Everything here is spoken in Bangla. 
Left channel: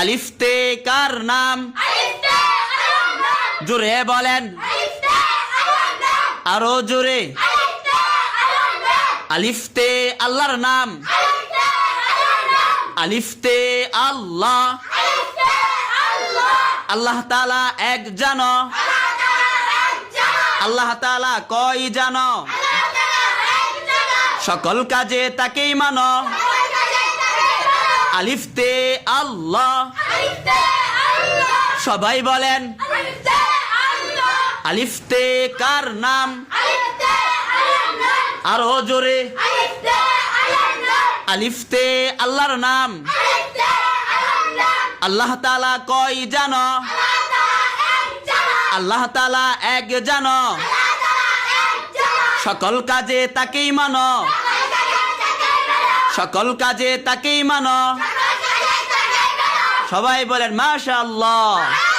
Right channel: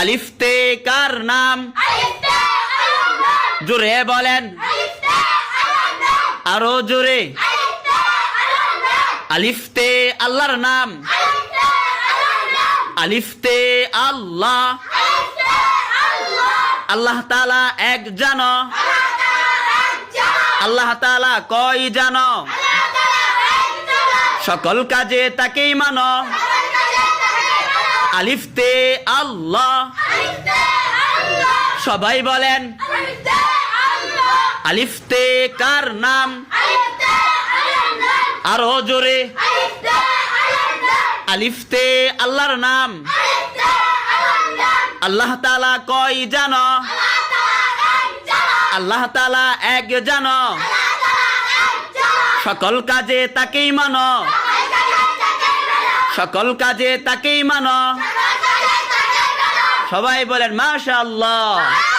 আলিফতে কার নাম? জোরে বলেন, আরো জোরে। আলিফতে আল্লাহর নাম। আলিফতে আল্লাহ। আল্লাহ তাআলা এক জানো। আল্লাহ তাআলা কয় জানো? সকল কাজে তাকেই মানো। আলিফতে আল্লাহ। সবাই বলেন, আলিফতে কার নাম? আরো জোরে। আলিফতে আল্লাহর নাম। আল্লাহ তাআলা কয় জানো? আল্লাহ তাআলা এক জানো। সকল কাজে তাকেই মানো। সকল কাজে তাকেই মানো। সবাই বলেন মাশাআল্লাহ।